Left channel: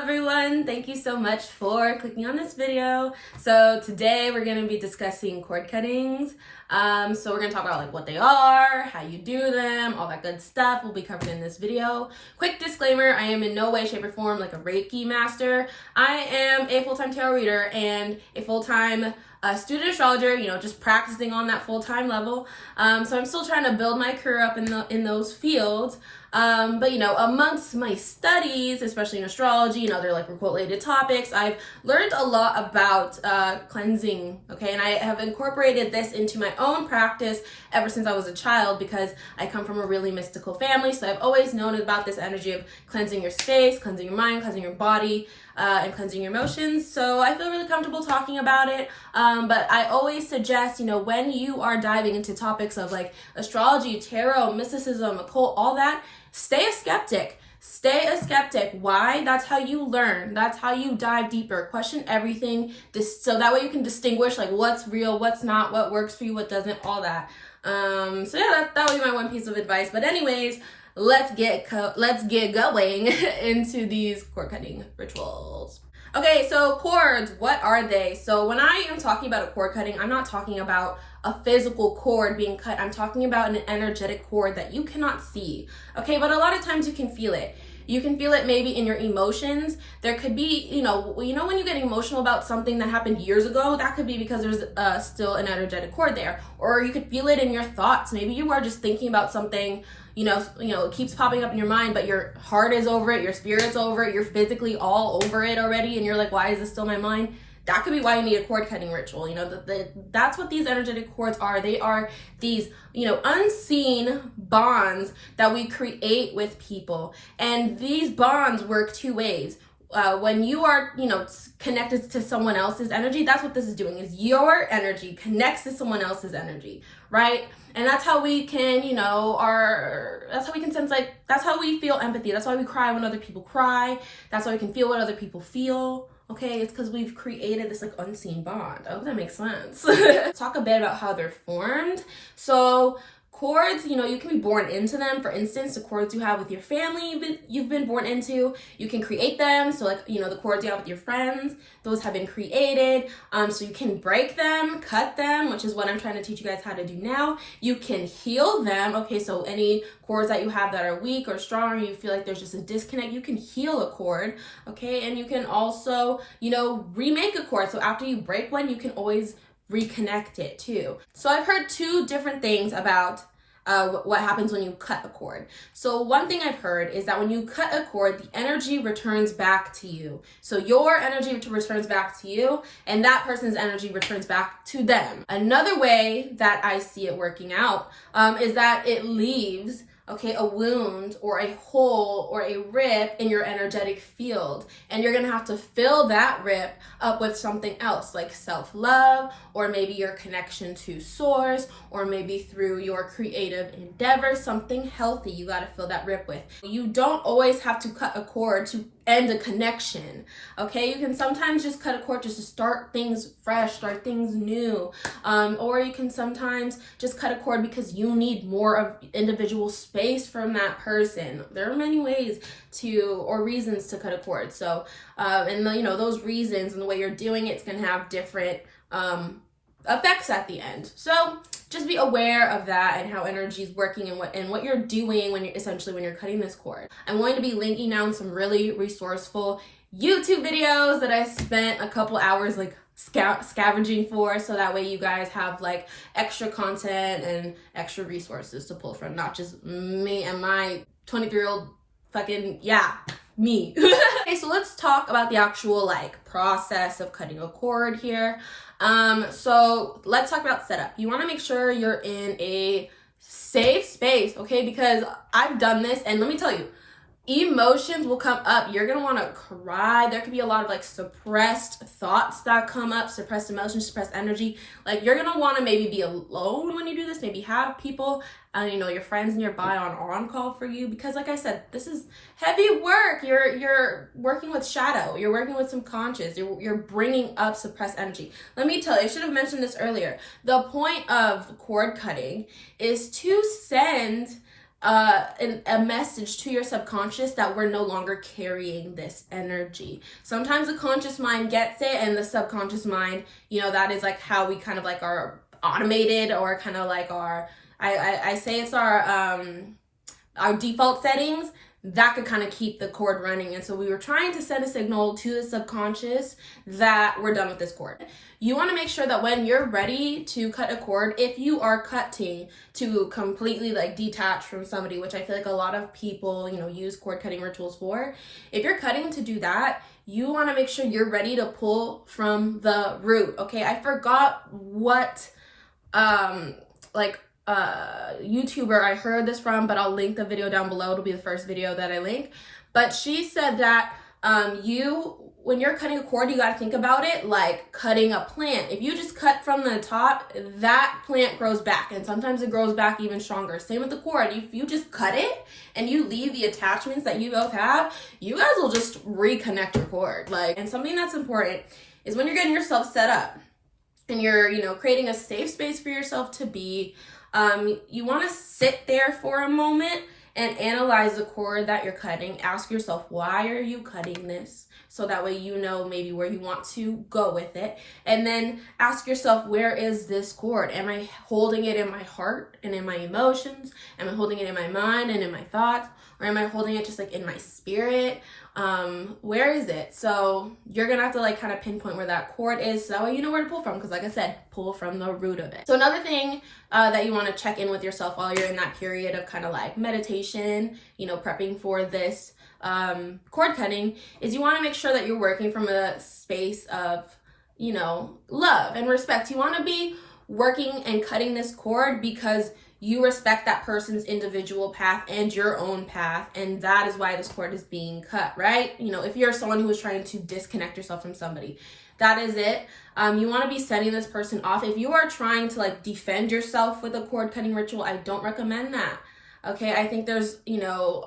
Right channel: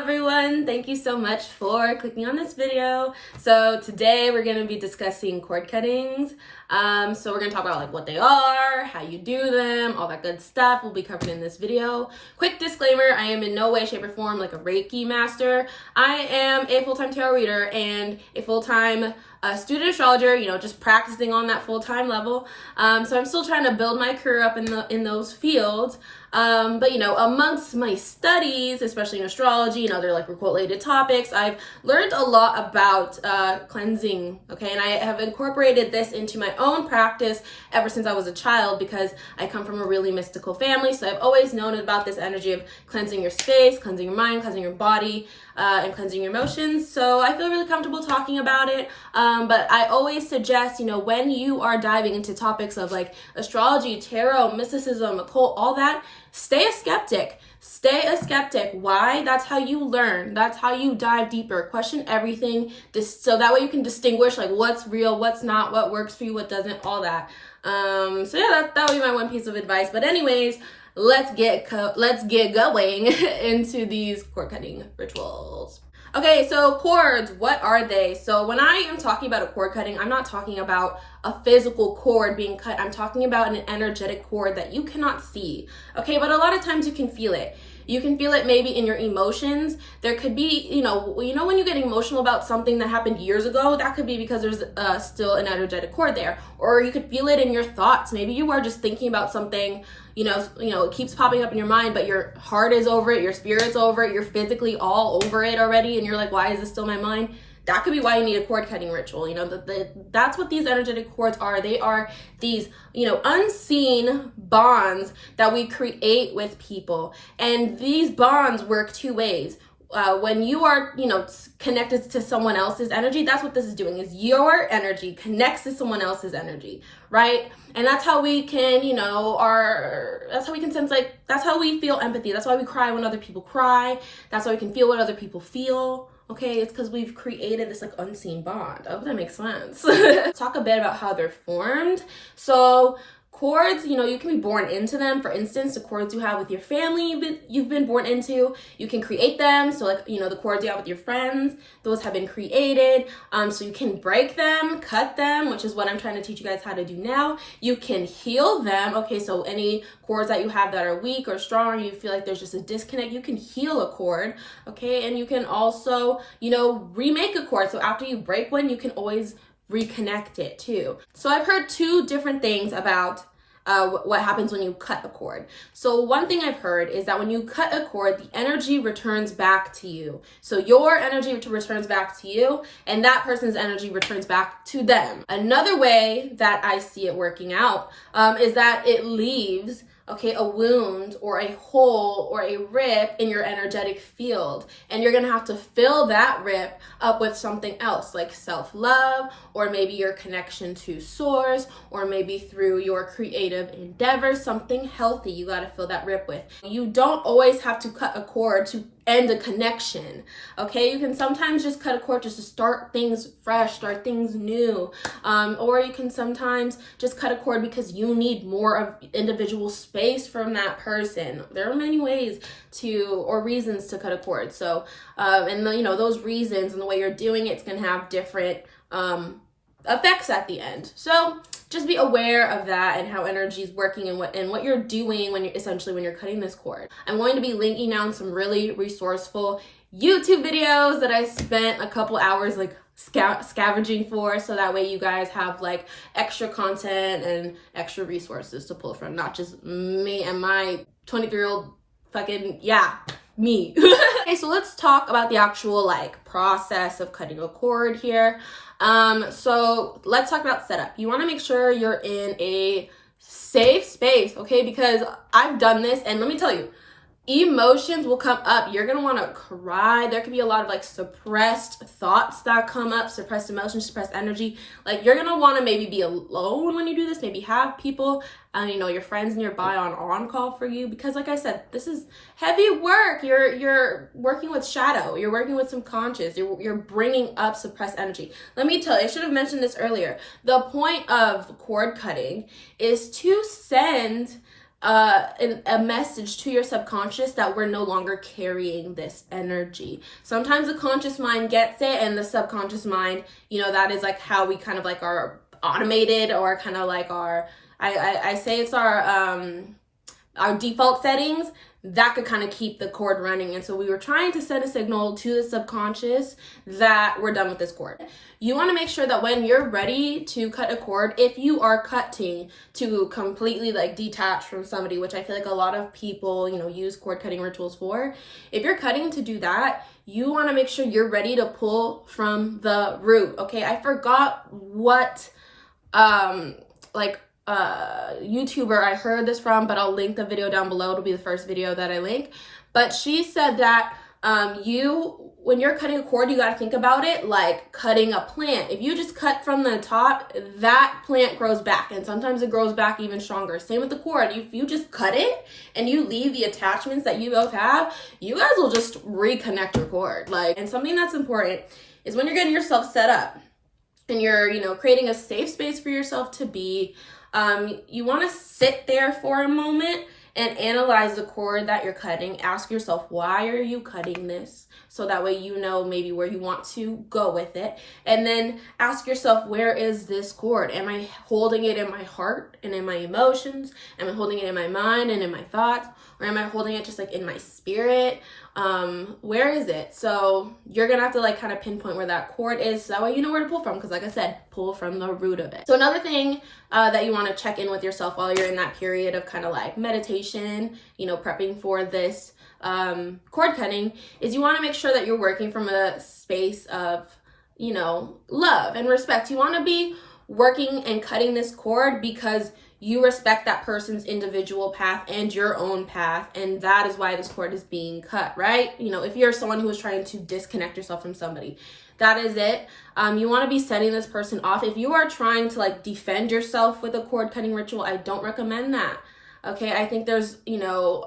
everyone, thank you so much for clicking on this video. So today we're going to be discussing cord cuttings. So we're going to talk about like what they are, how you do them, all that good stuff will be covered in this video. Quick disclaimer, I am in no way, shape, or form like a Reiki master. I am a full-time tarot reader and a full-time student astrologer, just practicing on that full-time level. So I'm still trying to build my career up in those fields. But amongst my studies, especially in astrology and other like related topics, I've learned a lot about cleansing, okay? And I have incorporated this into my own practice ever since I was a child because I come from a really mystical family. So I've always known about this energy of cleansing your space, cleansing your mind, cleansing your body, and cleansing your emotions. So I feel really comfortable talking about it. But I always suggest, when you are diving into topics of like astrology, tarot, mysticism, occult, all that, stay a skeptic. Stay a skeptic. Why? That's how you learn. That's how you dive deeper. Question everything, so that way you can distinguish like what's real, what's not, what works for you, what doesn't, all that. So yeah, that would be my one piece of advice. But anyways, let's get going into these cord cutting rituals. Okay, so cords, what are they? So when I am talking about a cord cutting, I'm not talking about a physical cord being cut. I'm talking about an energetic cord that you cannot see. Okay, but a lot of times you can feel it. You can feel it maybe in your emotions. There could be, when you get emotional about something that happened years ago, that could be because there's still an energetic cord there. Or you could feel it in your thoughts. Maybe you are just thinking about something, it keeps popping up in your mind, but your heart is over it, your spirit's over it, you're physically all over it already, and you're like, why is this still in my mind? That could be why you need a cord cutting ritual. That's what these energetic cords are. They are these, unseen bonds that we create with people. And these bonds work two ways. When you are, connected to someone else's energy, that's what this is doing, is your energy connects to someone else's energy, right? And that's how we can, that's how we can sense, like, that's how we feel empathy. That's why we cry when other people cry. That's why we can feel what other people feel. Okay, it's because we've created this like unseen bond. I hope that makes sense. Talk a bit about how they're formed. So cords, you can be born into them. For instance, the cords you have with your family you've been born into, you can create them. So like, the cords you have with your friends, those have been created. So you can break them, cut them, which is what I'm trying to teach you guys how to do now. You can heal them. Okay, so any cords that you have that are weak or strong, or you feel like there's just a disconnect, you can heal a cord. Okay, and you can also, remake a cord. So after you break one, you can always reconnect it too. So I've heard two different things about what happens when you cut a cord. So one thing I've heard is that when you cut a cord, the energy returns back to you. So your energy returns back to you, and that person's energy returns back to them. Another way that I see it working out is that it leaves a wound or a hole or a rip in your energetic field. And you're gonna have to fill that rip up with something else, like self-love, or maybe your connection to source, or maybe through your creative endeavor, something healthy you gotta fill that rip with. You don't always have to cut a cord to end a connection, okay? You can sometimes just cut a cord just to start things fresh, start things new. Or you can sometimes just cut a cord because you need more of individual space from that person. There are many ways or reasons to cut a cord. So, and those reasons and the way you're doing it's gonna have different effects at the end. So just be aware of that and how energy is working and what you're doing when you're cutting this cord. I'm going to be linking down some really resourceful YouTube videos that I spent a couple hours like scavenging for, so that way you guys have like extra content and extra resources to pull from, not just me and my 23-year-old me. Okay, so let's talk about the actual like process of cutting a cord here. So let's talk about setup. You want to make sure you're in a safe space, okay? Because I've done this, and let me tell you, emotions will come up. You're gonna want to cry. There could be a lot of like suppressed thoughts that come up, suppressed emotions, suppressed energy. Like you're gonna want to maybe be alone when you do this, maybe have people your friends nearby on call for you, because like I said, this is heavy work. You're working with shadow, you're working with subconscious, you're bringing up suppressed energy. Let me tell you, I should have mentioned this earlier. The point of cord cutting is to send a message to your subconscious that we're no longer carrying this energy. Sometimes the conscious mind gets it, and the subconscious mind, you know, that is like how we kind of like are automated, or kind of like our, I say it's our default settings that could kind of keep the cord running. And so we were trying to send a signal to the subconscious that we're done with this cord. You want to make sure that when you're ready to cut a cord, if you are cutting to completely like detach from somebody, which I feel like a lot of people, you know, use cord cutting rituals for, if you're cutting to do that, you want to make sure you're ready to pull from the root. Okay, I forgot what YouTuber I heard this from, but I'll link the video down below. It'll be the first video that I link. But she said that when you're cutting a cord, you got to think about it like cutting a plant. If you just cut from the top, that plant grows back, and sometimes it grows back even stronger. Same with the cord. If you just cut it and you leave the attachments that you both have, you guys will just reconnect your cord. And something that's important is when you're getting yourself set up and you're, you know, creating a safe space for yourself to be, you want to sit there for a moment and analyze the cord that you're cutting. Ask yourself, why are you cutting this? So that way you know maybe where you want to go with it. And then ask yourself, where is this cord? Am I holding it in my heart and in my emotions? Am I holding it in my mind and in my thoughts? Or am I holding it just like in my spirit? Where is it? So you're gonna have to like kind of pinpoint where that cord is, so that way you know where to pull from, because like I said, pull from the root of it. So another thing that you want to check in with yourself while you're in that period of kind of like meditation, you know, prepping for this cord cutting, is you want to make sure that you're working from a space of, you know, love and respect. You want to be working and cutting this cord because you respect that person's individual path and your own path, and that is why this cord is being cut, right? You know, if you're someone who is trying to disconnect yourself from somebody, that is it. You want to be setting this person off. If you are trying to like defend yourself with a cord cutting ritual, I don't recommend that. Okay, I think there's, you know,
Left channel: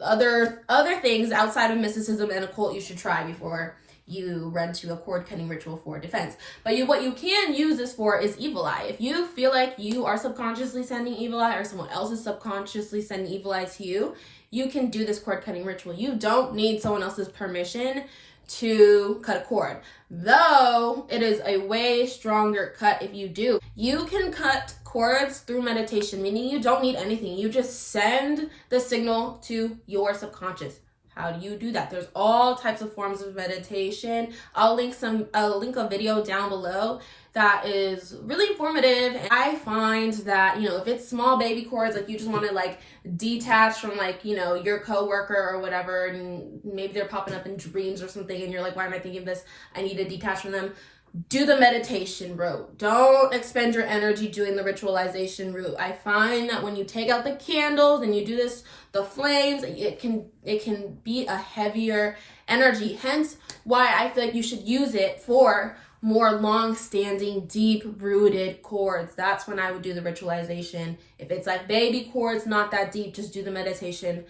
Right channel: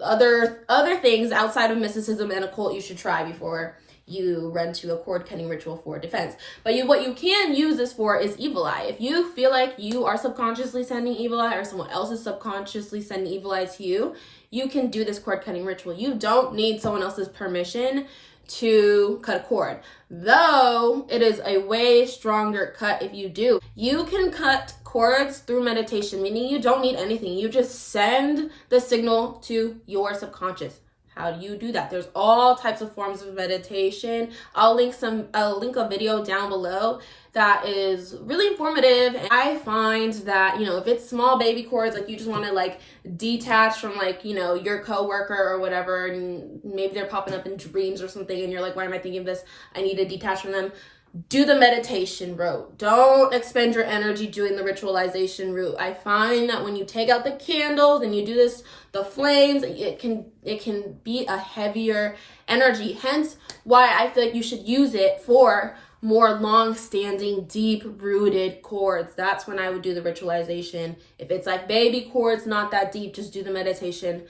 other things outside of mysticism and occult you should try before you run to a cord cutting ritual for defense. But what you can use this for is evil eye. If you feel like you are subconsciously sending evil eye, or someone else is subconsciously sending evil eye to you, you can do this cord cutting ritual. You don't need someone else's permission to cut a cord, though it is a way stronger cut if you do. You can cut cords through meditation, meaning you don't need anything. You just send the signal to your subconscious. How do you do that? There's all types of forms of meditation. I'll link a video down below that is really informative. And I find that, you know, if it's small baby cords, like you just want to like detach from like, you know, your coworker or whatever, and maybe they're popping up in dreams or something, and you're like, why am I thinking of this? I need to detach from them. Do the meditation route. Don't expend your energy doing the ritualization route. I find that when you take out the candles and you do this, the flames, it can be a heavier energy. Hence why I feel like you should use it for more long-standing, deep-rooted cords. That's when I would do the ritualization. If it's like baby cords, not that deep, just do the meditation.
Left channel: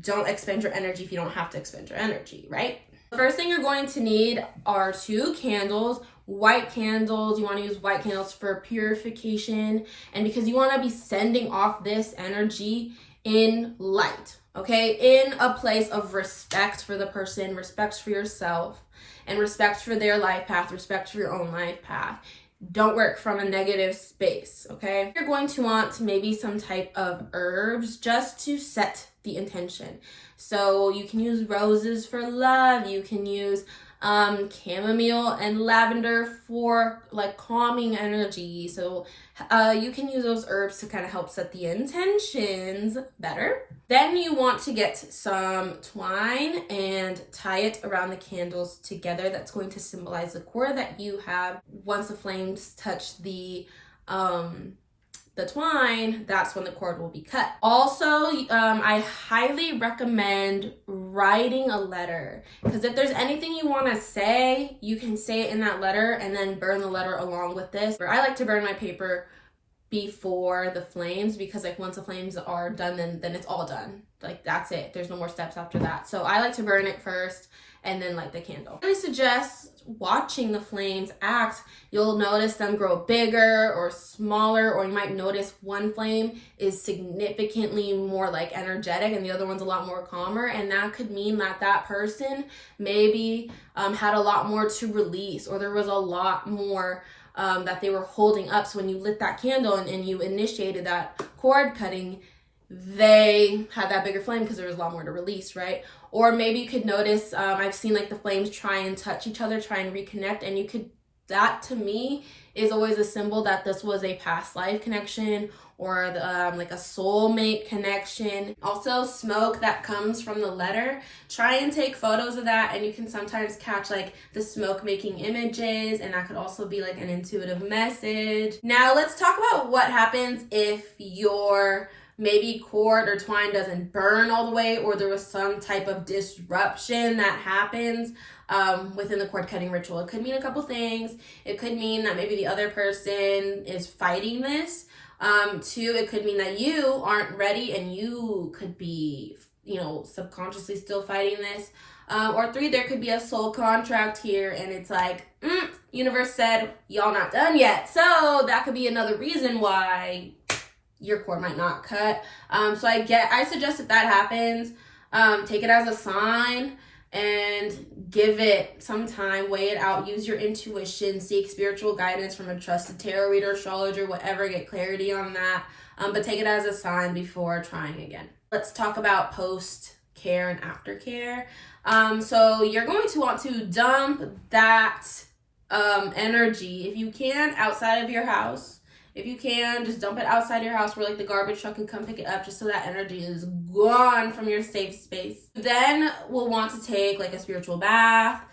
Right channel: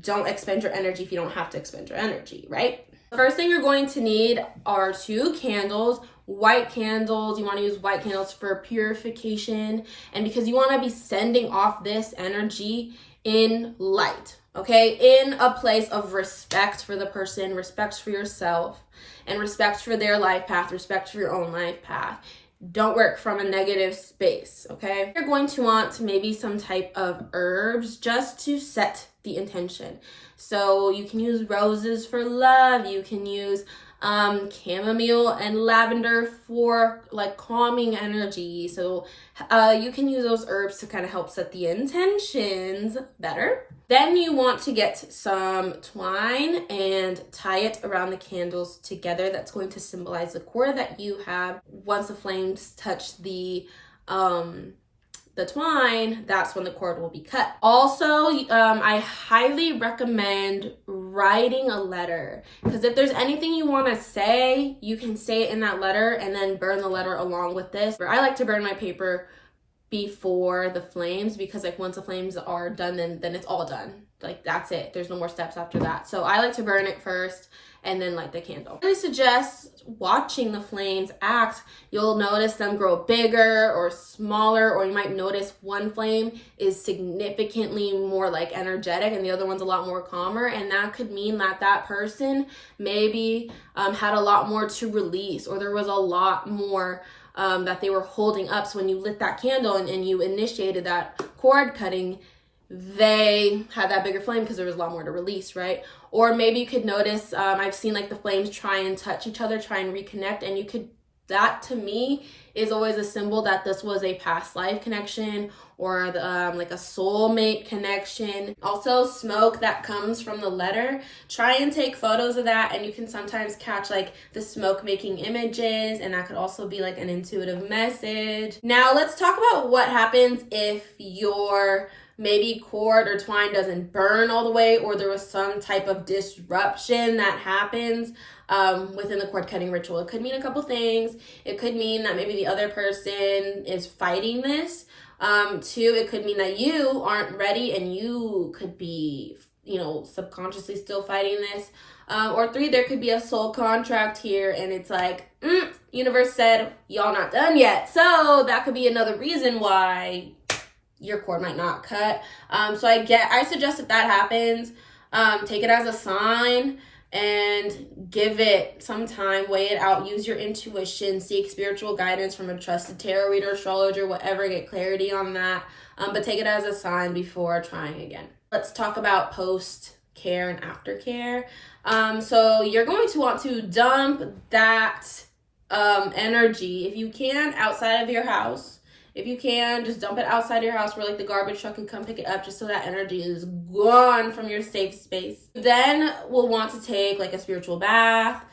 Don't expend your energy if you don't have to expend your energy, right? First thing you're going to need are 2 candles, white candles. You want to use white candles for purification, and because you want to be sending off this energy in light, okay? In a place of respect for the person, respect for yourself, and respect for their life path, respect for your own life path. Don't work from a negative space, okay? You're going to want maybe some type of herbs just to set the intention. So you can use roses for love. You can use chamomile and lavender for like calming energy. So you can use those herbs to kind of help set the intentions better. Then you want to get some twine and tie it around the candles together. That's going to symbolize the cord that you have. Once the flames touch the twine, that's when the cord will be cut. Also, I highly recommend writing a letter, because if there's anything you want to say, you can say it in that letter and then burn the letter along with this. I like to burn my paper before the flames, because like once the flames are done, then it's all done. Like that's it. There's no more steps after that. So I like to burn it first, and then light the candle. I really suggest watching the flames act. You'll notice them grow bigger or smaller, or you might notice one flame is significantly more like energetic and the other one's a lot more calmer, and that could mean that that person maybe had a lot more to release, or there was a lot more that they were holding up. So when you lit that candle and you initiated that cord cutting, they had that bigger flame because there was a lot more to release, right? Or maybe you could notice, I've seen like the flames try and touch each other, try and reconnect, and you could, that to me is always a symbol that this was a past life connection, or like a soulmate connection. Also, smoke that comes from the letter, try and take photos of that, and you can sometimes catch like the smoke making images, and that could also be like an intuitive message. Now let's talk about what happens if your maybe cord or twine doesn't burn all the way, or there was some type of disruption that happens within the cord cutting ritual. It could mean a couple things. It could mean that maybe the other person is fighting this. Two, it could mean that you aren't ready and you could be, subconsciously still fighting this. Or three, there could be a soul contract here, and it's like, universe said, y'all not done yet. So that could be another reason why your cord might not cut. So I suggest if that happens, take it as a sign and give it some time, weigh it out, use your intuition, seek spiritual guidance from a trusted tarot reader, astrologer, whatever, get clarity on that. But take it as a sign before trying again. Let's talk about post-care and aftercare. So you're going to want to dump that energy, if you can, outside of your house. If you can, just dump it outside your house where like the garbage truck can come pick it up, just so that energy is gone from your safe space. Then we'll want to take like a spiritual bath,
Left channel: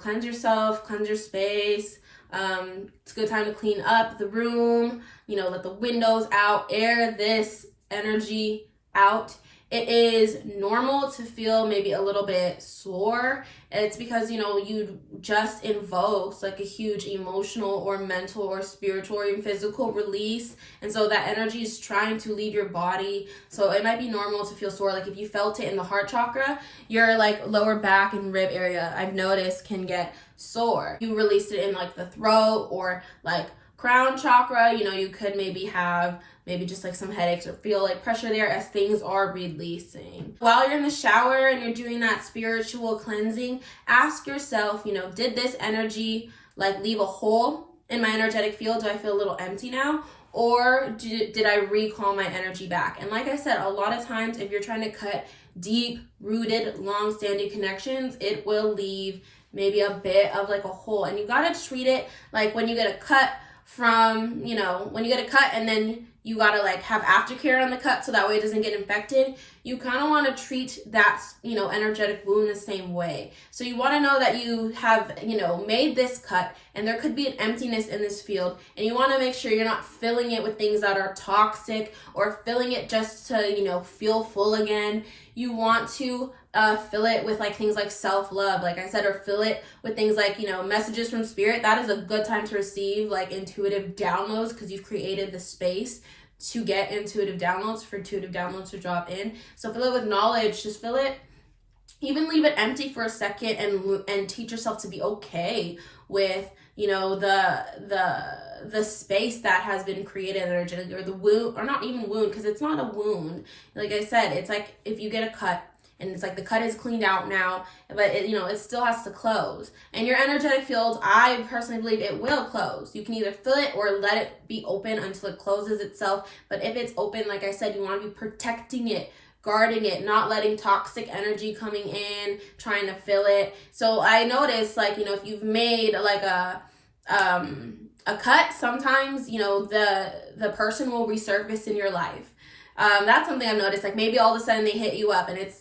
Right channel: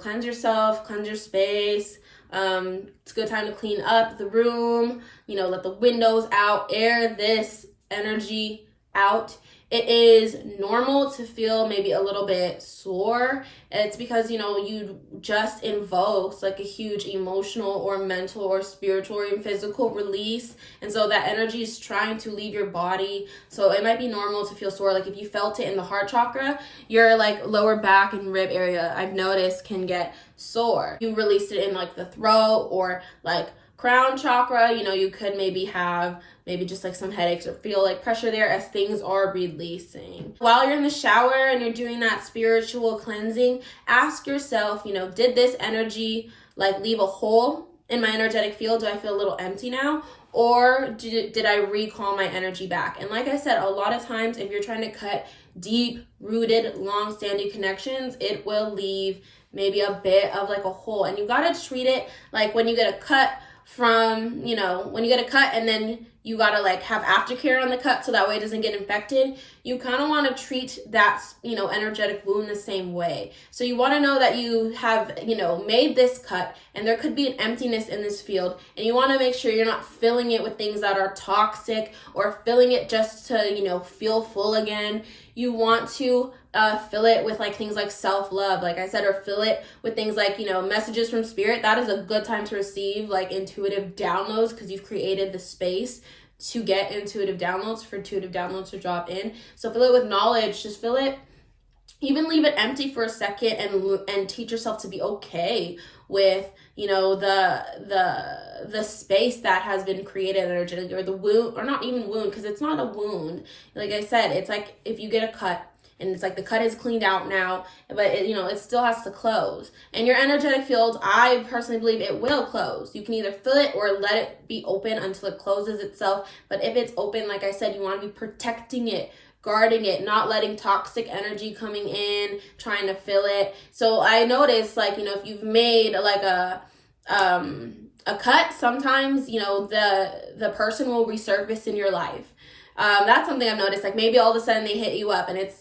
cleanse yourself, cleanse your space. It's a good time to clean up the room, let the windows out, air this energy out. It is normal to feel maybe a little bit sore. It's because, you just invoked like a huge emotional or mental or spiritual or even physical release. And so that energy is trying to leave your body. So it might be normal to feel sore. Like if you felt it in the heart chakra, your like lower back and rib area, I've noticed, can get sore. You released it in like the throat or like crown chakra, you could maybe have just like some headaches or feel like pressure there as things are releasing. While you're in the shower and you're doing that spiritual cleansing, ask yourself, did this energy like leave a hole in my energetic field? Do I feel a little empty now? Or did I recall my energy back? And like I said, a lot of times if you're trying to cut deep rooted, long-standing connections, it will leave maybe a bit of like a hole. And you got to treat it like when you get a cut from, when you get a cut and then you gotta like have aftercare on the cut so that way it doesn't get infected. You kind of want to treat that, energetic wound the same way. So you want to know that you have, made this cut and there could be an emptiness in this field, and you want to make sure you're not filling it with things that are toxic or filling it just to, feel full again. You want to fill it with like things like self-love, like I said, or fill it with things like, messages from spirit. That is a good time to receive like intuitive downloads because you've created the space to get intuitive downloads, for intuitive downloads to drop in. So fill it with knowledge, just fill it, even leave it empty for a second and teach yourself to be okay with, the space that has been created energetically, or the wound, or not even wound, because it's not a wound. Like I said, it's like if you get a cut and it's like the cut is cleaned out now, but it still has to close. And your energetic field, I personally believe it will close. You can either fill it or let it be open until it closes itself. But if it's open, like I said, you want to be protecting it, guarding it, not letting toxic energy coming in, trying to fill it. So I noticed, like, if you've made like a cut, sometimes, the person will resurface in your life. That's something I've noticed. Like maybe all of a sudden they hit you up and it's,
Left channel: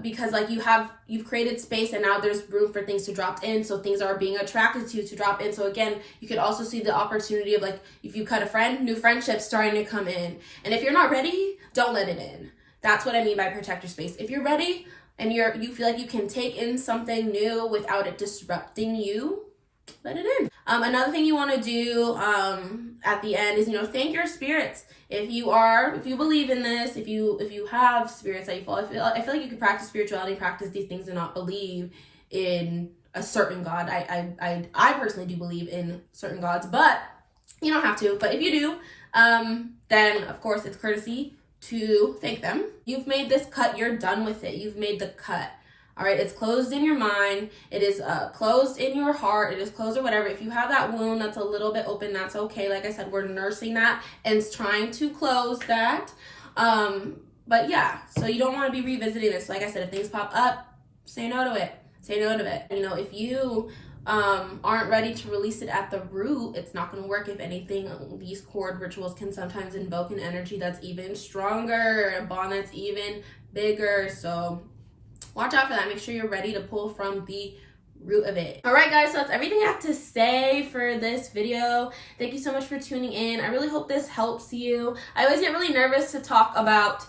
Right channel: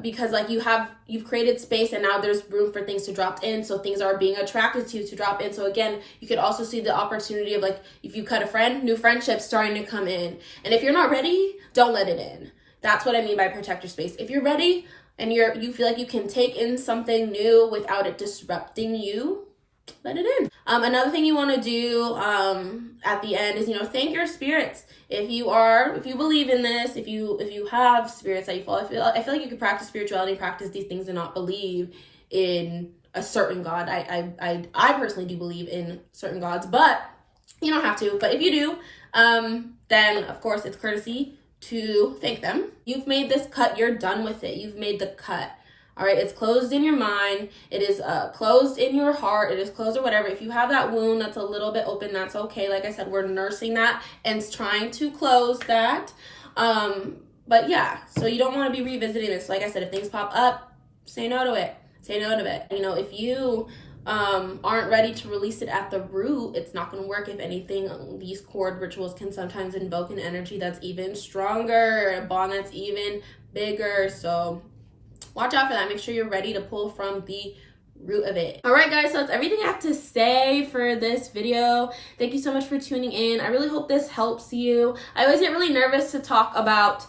because like you've created space and now there's room for things to drop in. So things are being attracted to drop in. So again, you could also see the opportunity of like, if you cut a friend, new friendships starting to come in. And if you're not ready, don't let it in. That's what I mean by protect your space. If you're ready and you feel like you can take in something new without it disrupting you, let it in. Another thing you want to do at the end is, thank your spirits. If you believe in this, if you have spirits that you follow, I feel like you could practice spirituality, practice these things, and not believe in a certain God. I personally do believe in certain gods, but you don't have to. But if you do, then of course it's courtesy to thank them. You've made this cut, you're done with it. You've made the cut. All right, it's closed in your mind. It is closed in your heart. It is closed or whatever. If you have that wound that's a little bit open, that's okay. Like I said, we're nursing that and trying to close that. But yeah, so you don't want to be revisiting this. Like I said, if things pop up, say no to it. Say no to it. If you aren't ready to release it at the root, it's not going to work. If anything, these cord rituals can sometimes invoke an energy that's even stronger, a bond that's even bigger. So watch out for that. Make sure you're ready to pull from the root of it. All right, guys, so that's everything I have to say for this video. Thank you so much for tuning in. I really hope this helps you. I always get really nervous to talk about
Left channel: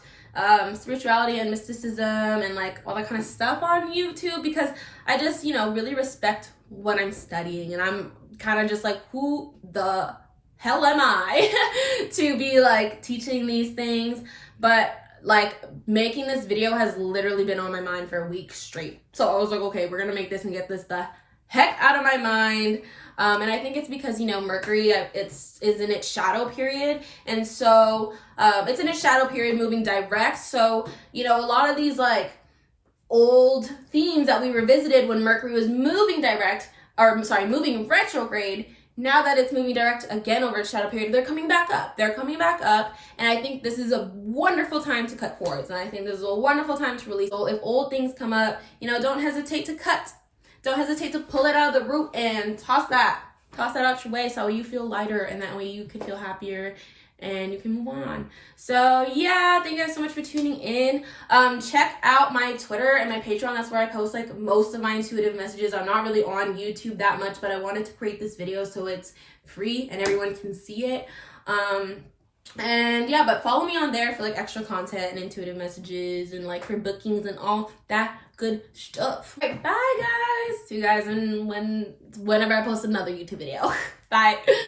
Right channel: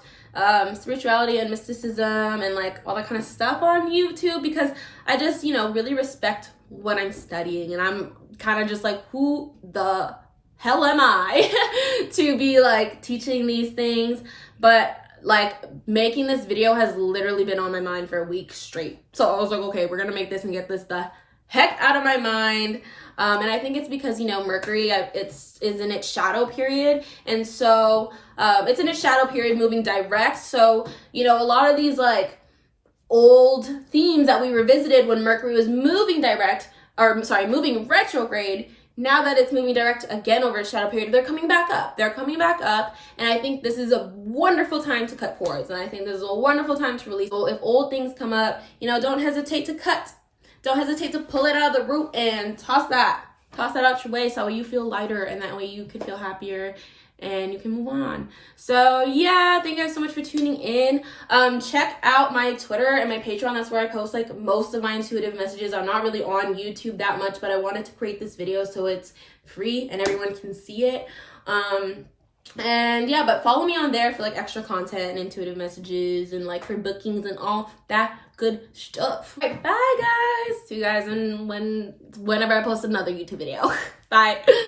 spirituality and mysticism and like all that kind of stuff on YouTube, because I just, really respect what I'm studying, and I'm kind of just like, who the hell am I to be like teaching these things? But like, making this video has literally been on my mind for a week straight. So I was like, okay, we're gonna make this and get this the heck out of my mind. And I think it's because, Mercury is in its shadow period. And so it's in its shadow period moving direct. So, a lot of these like old themes that we revisited when Mercury was moving moving retrograde, now that it's moving direct again over its shadow period, they're coming back up. And I think this is a wonderful time to cut cords. And I think this is a wonderful time to release. So if old things come up, don't hesitate to cut. Don't hesitate to pull it out of the root and toss that out your way, so you feel lighter, and that way you can feel happier and you can move on. So yeah, thank you guys so much for tuning in. Check out my Twitter and my Patreon. That's where I post like most of my intuitive messages. I'm not really on YouTube that much, but I wanted to create this video so it's free and everyone can see it. And yeah, but follow me on there for like extra content and intuitive messages and like for bookings and all that good stuff. Right, bye guys. See you guys whenever I post another YouTube video. Bye.